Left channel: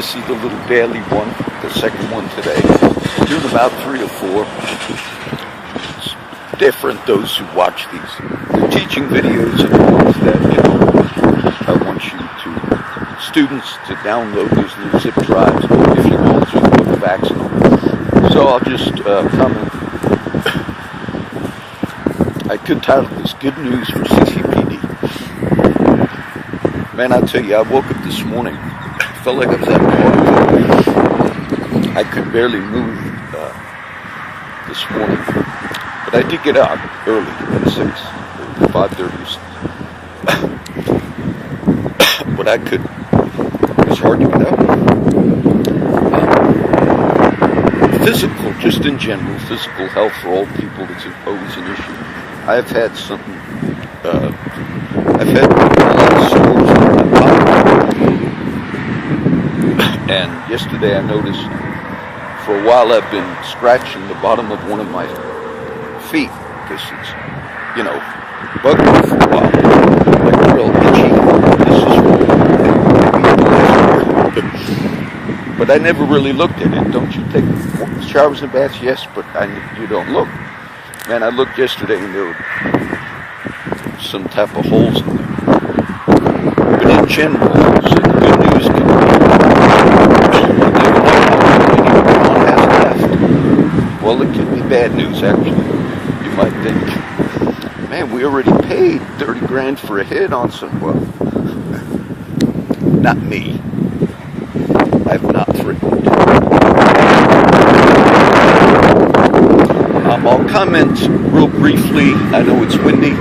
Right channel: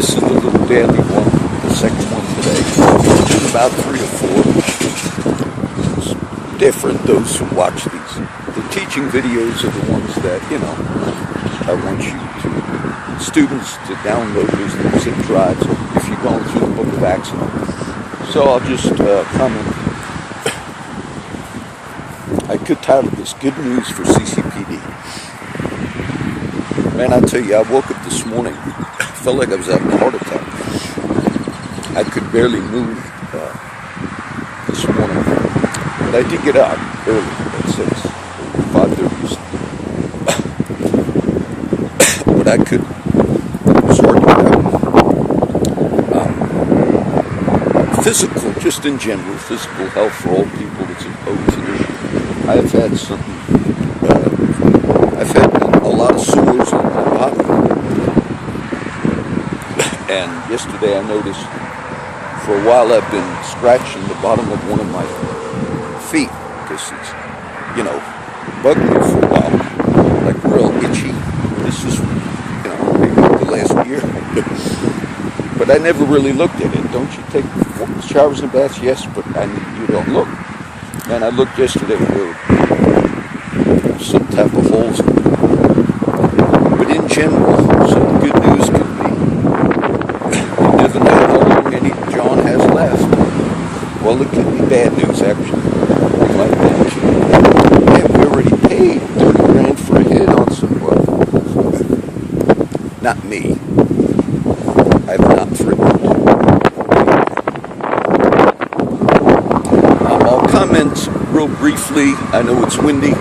This is the little daily one, the second one today. I'm doing about 3 or 4. It's different, those who watch these. The teaching videos are the ones that, I want you to, students to download these little zip drives if you want to put facts in them. So I'll just comment. I could title this Good News for CCPD. Man, I tell you, I woke up this morning. Felt like I was at a heart attack. I could barely move this morning, but I did get out early at 5:30. But I could. It's hard to get out. Physical, just in general, physical health for all people. It's an issue. I've had something. I've had a lot of sores on my body. And yesterday I noticed for a while I've been scratching the bottom of one of my feet because it's, bugged me for a while, like real itchy. This is the last word. But I never really looked at it. Don't you take showers and baths? Yes, but you don't look. Man, I looked yesterday and there were some type of holes in there. But in general, so the good news can be, well, it could be bad news, actually. You might think, man, we already paid 30 grand for a hit on someone. Not me. I've not threatened. I'll comment real briefly. I know it's windy.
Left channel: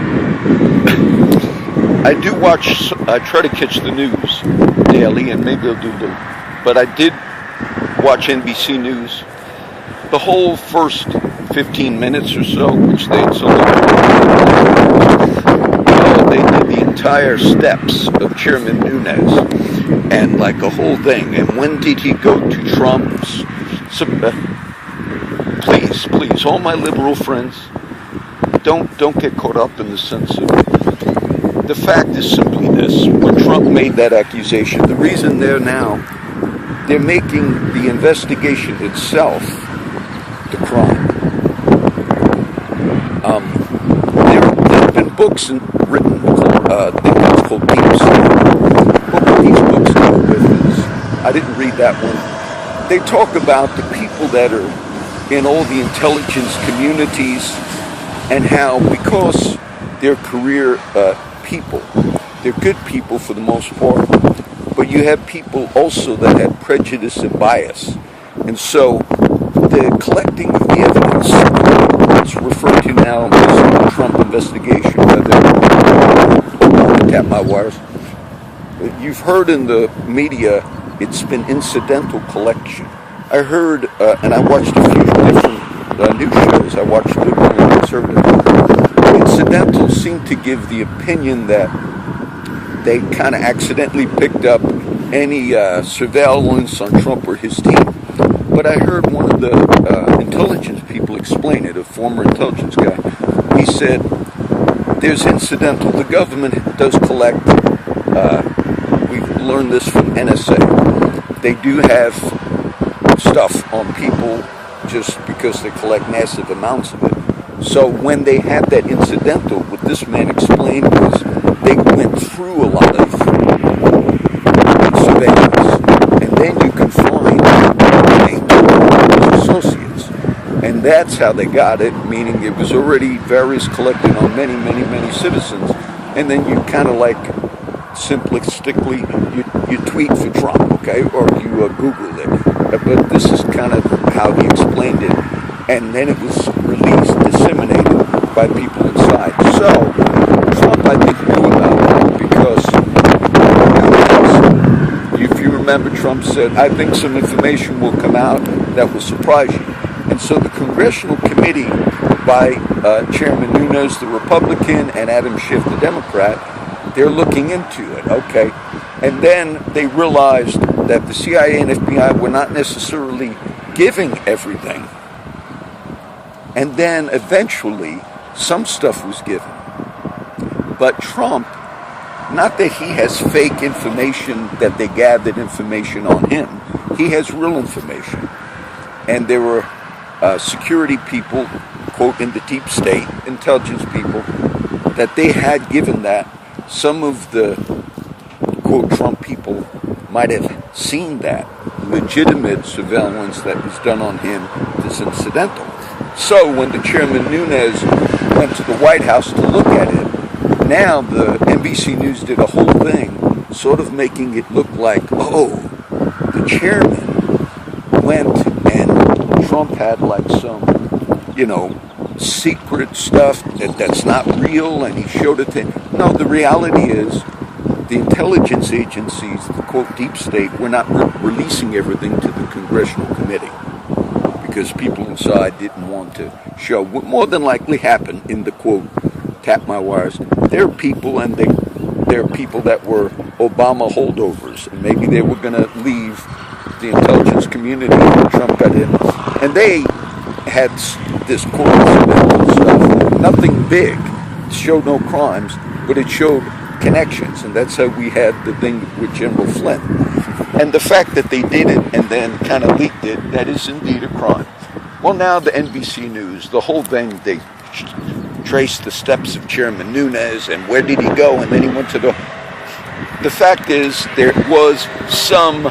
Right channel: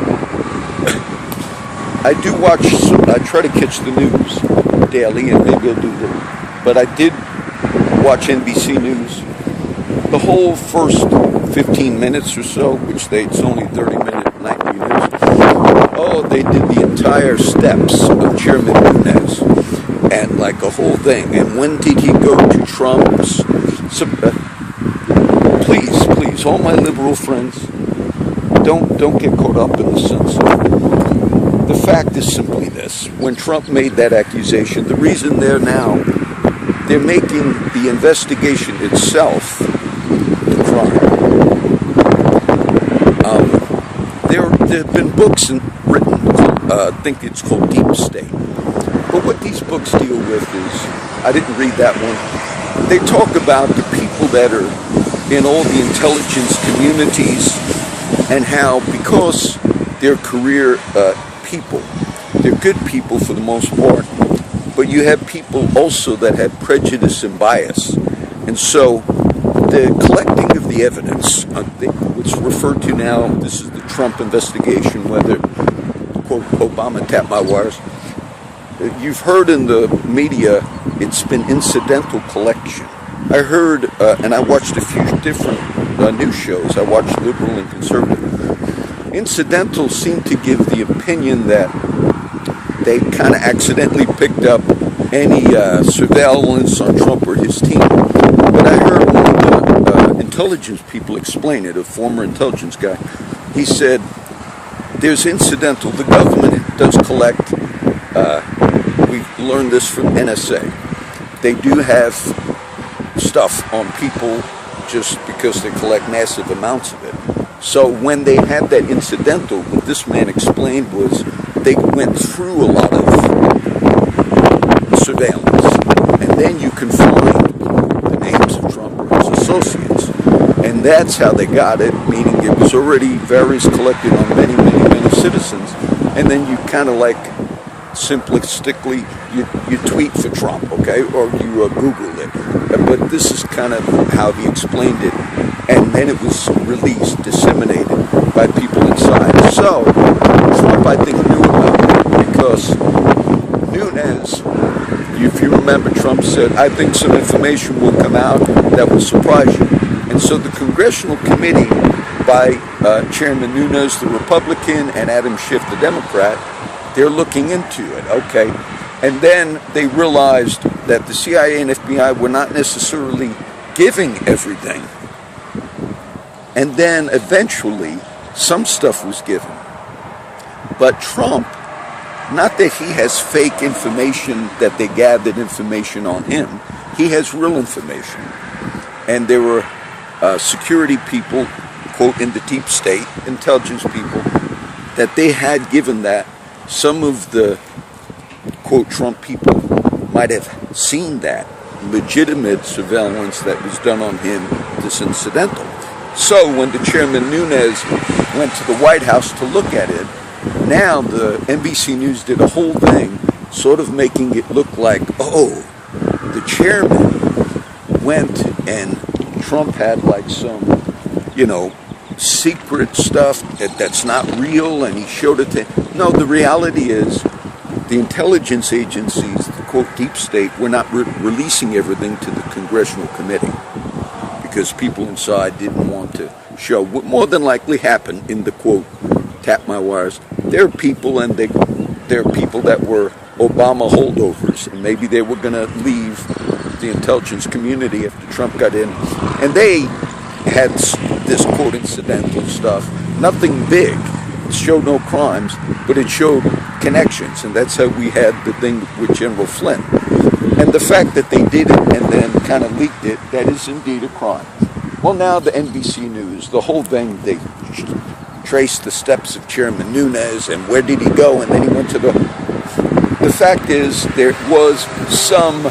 I do watch, I try to catch the news daily, and maybe I'll do little. But I did watch NBC News. The whole first 15 minutes or so, which it's only 30 minutes, they did the entire steps of Chairman Nunes and like a whole thing. And when did he go to Trump's? Please, all my liberal friends, don't get caught up in the sense of. The fact is simply this: when Trump made that accusation, the reason they're making the investigation itself the crime. There have been books written, I think it's called Deep State. But what these books deal with is, I didn't read that one. They talk about the people that are in all the intelligence communities and how, because they're career people, they're good people for the most part, but you have people also that have prejudice and bias. And so the collecting of the evidence, it's referred to now as the Trump investigation, whether Obama tapped my wires. You've heard in the media, it's been incidental collection. I heard, and I watched a few different news shows. I watched liberal and conservative. Incidental seemed to give the opinion that they kind of accidentally picked up any surveillance on Trump or his team. But I heard one of the intelligence people explain it, a former intelligence guy. He said, there's incidental. The government does collect, we've learned this from NSA. They do have stuff on people just because they collect massive amounts of it. So when they had that incidental, what this man explained was they went through a lot of surveillance. And then you can find associates. And that's how they got it, meaning it was already various collected on many, many, many citizens. And then you kind of like simplistically, you tweet for Trump, okay? Or you Google it. But this is kind of how he explained it. And then it was released, disseminated by people inside. So, Trump, I think, knew about it because if you remember, Trump said, I think some information will come out that will surprise you. And so the Congressional Committee by Chairman Nunes, the Republican, and Adam Schiff, the Democrat, they're looking into it, okay? And then they realized that the CIA and FBI were not necessarily giving everything. And then eventually, some stuff was given. But Trump Not that he has fake information, that they gathered information on him. He has real information. And there were security people, quote, in the deep state, intelligence people, that they had given that. Some of the, quote, Trump people might have seen that legitimate surveillance that was done on him is incidental. So when the chairman Nunes went to the White House to look at it, now the NBC News did a whole thing sort of making it look like, oh, the chairman went and Trump had like some, secret stuff that's not real, and he showed it to him. No, the reality is the intelligence agencies, the quote deep state, were not releasing everything to the congressional committee because people inside didn't want to show what more than likely happened in the quote tap my wires. There are people, and there are people that were Obama holdovers, and maybe they were going to leave the intelligence community when Trump got in, and they had this quote incidental stuff, nothing big. It showed no crimes, but it showed connections, and that's how we had the thing with General Flynn. And the fact that they did it and then kind of leaked it, that is indeed a crime. Well, now the NBC News, the whole thing, they traced the steps of Chairman Nunes and where did he go, and then he went to the fact is there was some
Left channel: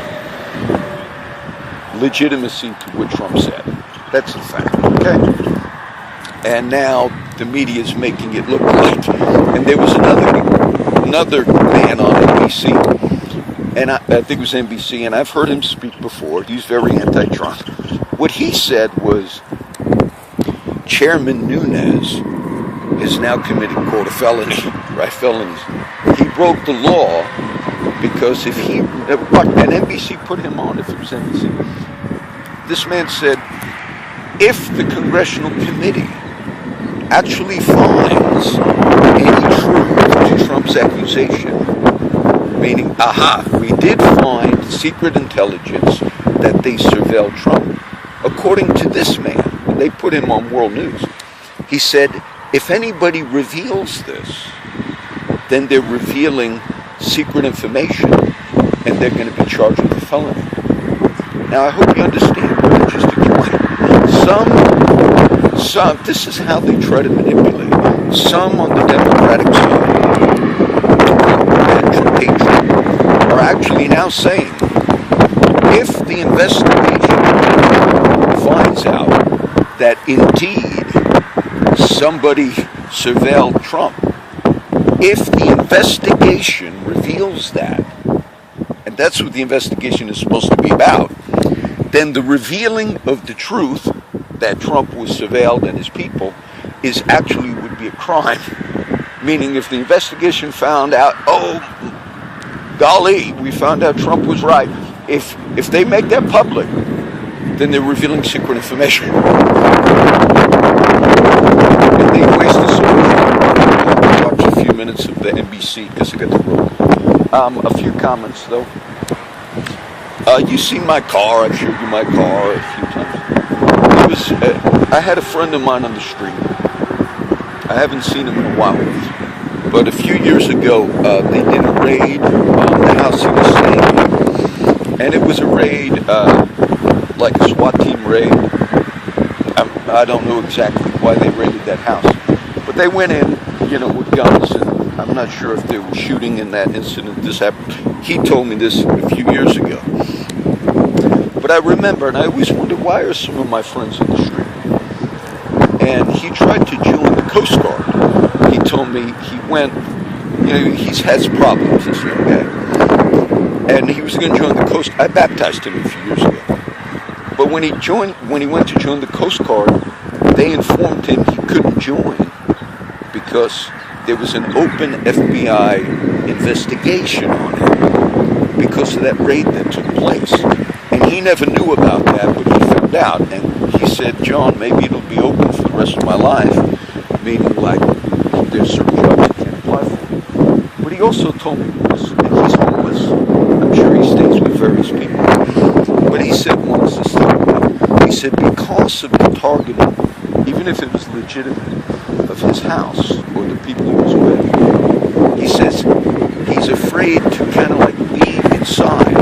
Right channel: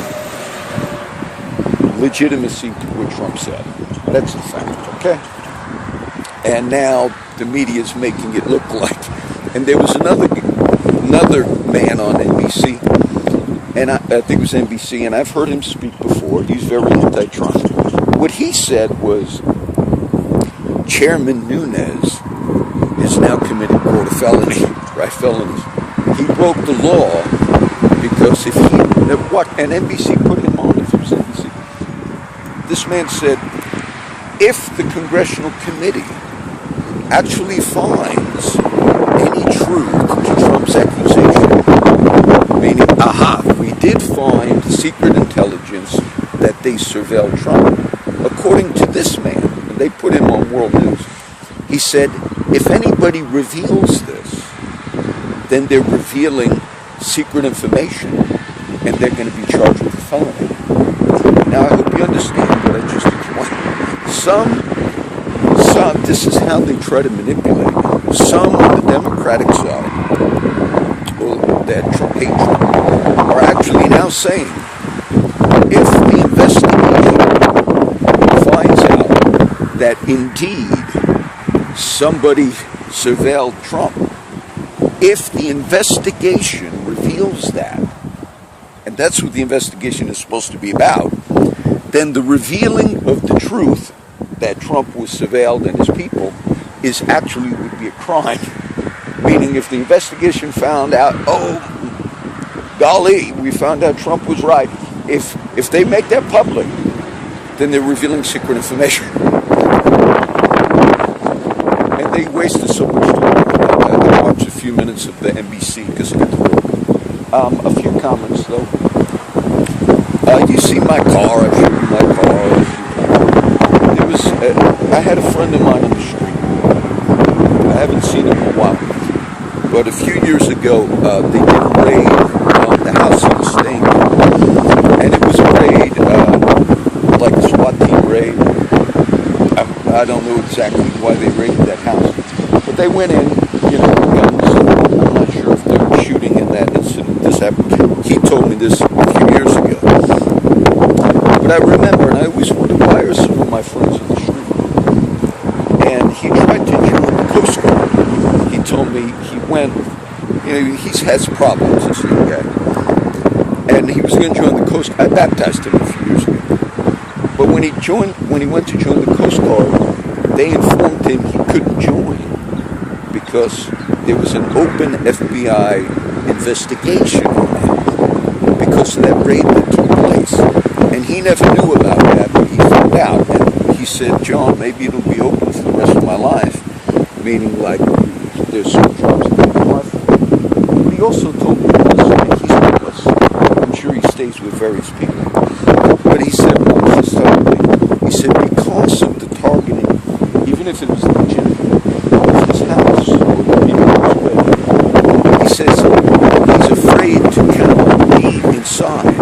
legitimacy to what Trump said. That's a fact, okay? And now the media is making it look like. And there was another man on NBC, and I think it was NBC, and I've heard him speak before. He's very anti-Trump. What he said was Chairman Nunes is now committing, quote, a felony, right? Felonies. He broke the law because if he, and NBC put him on, if it was NBC. This man said, if the congressional committee actually finds any truth to Trump's accusation, meaning, we did find secret intelligence that they surveilled Trump. According to this man, they put him on World News, he said, if anybody reveals this, then they're revealing secret information, and they're going to be charged with a felony. Now, I hope you understand what I just explained. Some, this is how they try to manipulate. Some on the Democratic side, that hatred, are actually now saying, if the investigation finds out that indeed somebody surveilled Trump, if the investigation reveals that, and that's what the investigation is supposed to be about, then the revealing of the truth that Trump was surveilled and his people is actually would be a crime. Meaning if the investigation found out, oh, golly, we found out Trump was right. If they make that public, then they're revealing secret information. And they wasted so much time. I'll watch a few minutes of the NBC because I got to go. A few comments though. You see my car, I showed you my car a few times. I had a friend of mine on the street. I haven't seen him in a while. But a few years ago, they did a raid on the house he was staying in. And it was a raid, like a SWAT team raid. I don't know exactly why they raided that house. But they went in, with guns. I'm not sure if they were shooting in that incident. This happened. He told me this a few years ago. But I remember, and I always wondered, why are some of my friends on the street? And he tried to join the Coast Guard. He told me he went, he has problems, this young guy. And he was going to join the Coast Guard. I baptized him a few years ago. But when he went to join the Coast Guard, they informed him he couldn't join because there was an open FBI investigation on him because of that raid that took place. And he never knew about that, but he found out. And he said, John, maybe it'll be open for the rest of my life. Meaning, like, there's some drugs being applied for. But he also told me this, and he's homeless. I'm sure he stays with various people. But he said once, he said, because of the targeting, even if it was legitimate, of his house or the people he was with, he says he afraid to kind of like be inside,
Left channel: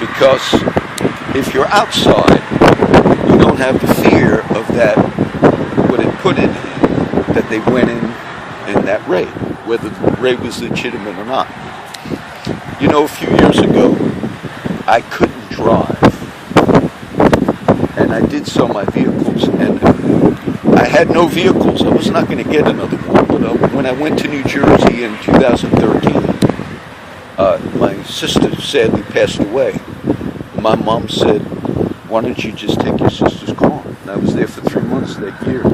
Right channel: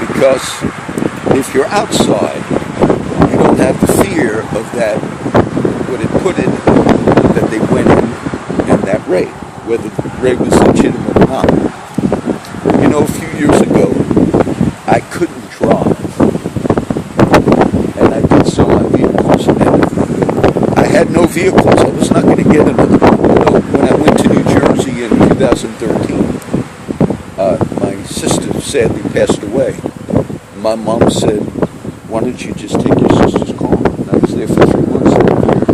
because if you're outside, you don't have the fear of that, what it put in, that they went in that raid, whether the raid was legitimate or not. You know, a few years ago, I couldn't drive, and I did sell my vehicles, and I had no vehicles. I was not going to get another one. When I went to New Jersey in 2013, my sister sadly passed away. My mom said, "Why don't you just take your sister's car?" And I was there for 3 months that year,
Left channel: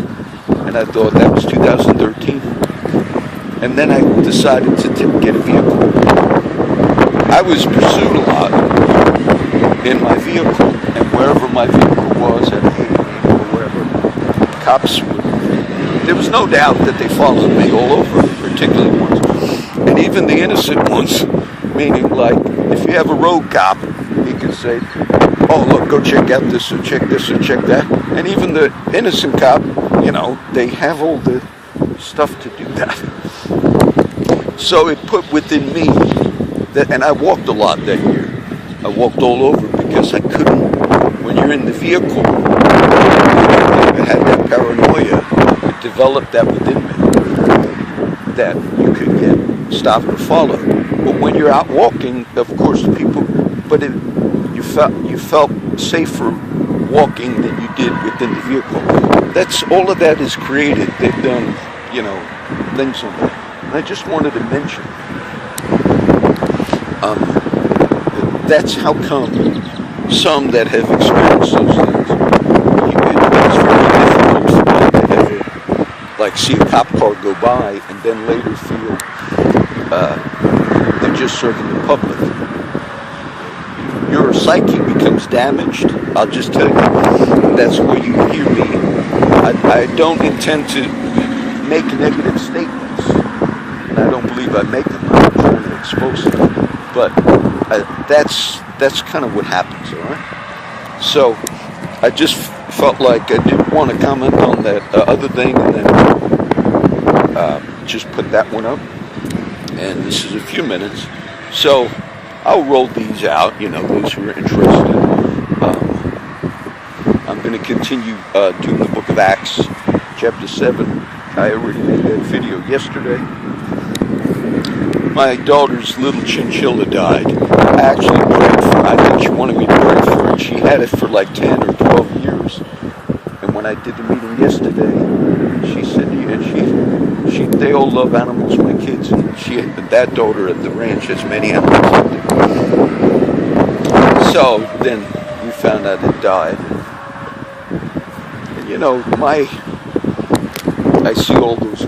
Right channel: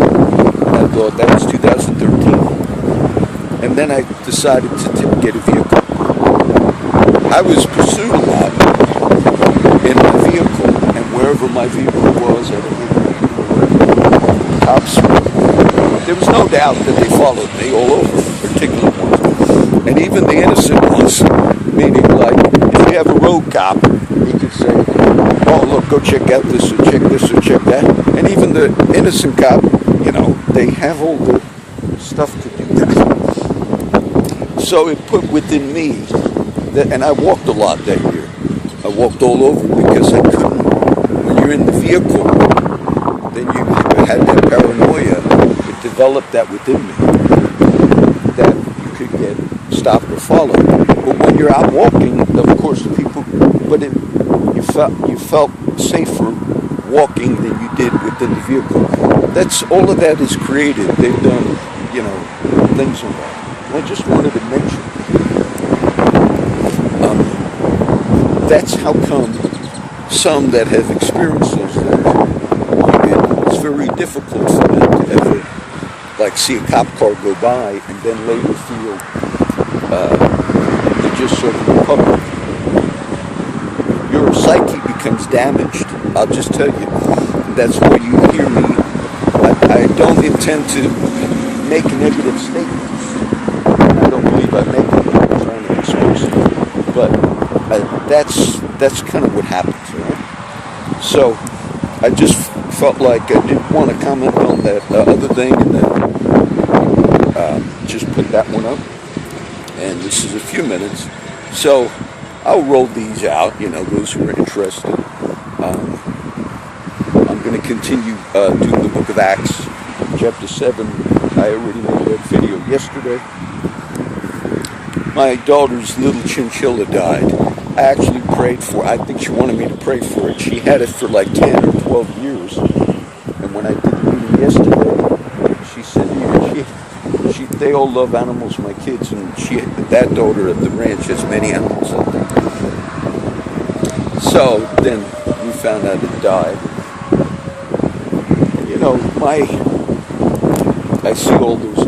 and I thought that was 2013. And then I decided to get a vehicle. I was pursued a lot in my vehicle, and wherever my vehicle was, at 8 or wherever, cops, there was no doubt that they followed me all over, particular ones. And even the innocent ones, meaning like, if you have a road cop, he could say, "Oh, look, go check out this, or check this, or check that." And even the innocent cop, you know, they have all the stuff to do that. So it put within me that, and I walked a lot that year. I walked all over because I couldn't, when you're in the vehicle, I had that paranoia, it developed that within me, that you could get stopped or followed. But when you're out walking, of course, people, but you felt safer walking than you did within the vehicle. That's, all of that is created. They've done, you know, things on that. I just wanted to mention, that's how come some that have experienced those things, it's very difficult for them to ever, like, see a cop car go by and then later feel they're just serving the public. Your psyche becomes damaged. I'll just tell you, that's where you hear me. I don't intend to make negative statements, and I don't believe I make them. I'm trying to expose them. But that's kind of what happens, all right? So I just felt like I did want to comment on that other thing, and then just put that one up. And this is a few minutes. So I'll roll these out, you know, those who are interested. I'm going to continue doing the book of Acts, chapter 7. I already made that video yesterday. My daughter's little chinchilla died. I actually prayed for her. I think she wanted me to pray for her. She had it for like 10 or 12 years. And when I did the meeting yesterday, she said, they all love animals, my kids, and that daughter at the ranch has many animals out there. So then we found out it died. And, you know, I see all those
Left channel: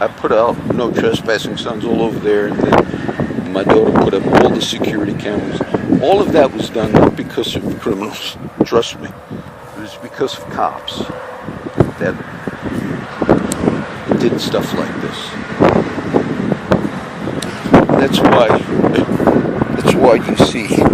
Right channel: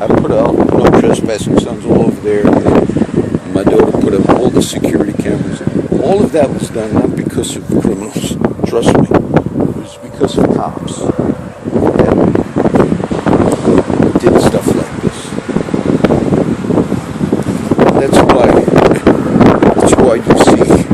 I put out no trespassing signs all over there, and my daughter put up all the security cameras. All of that was done not because of the criminals, trust me. It was because of cops that did stuff like this. That's why you see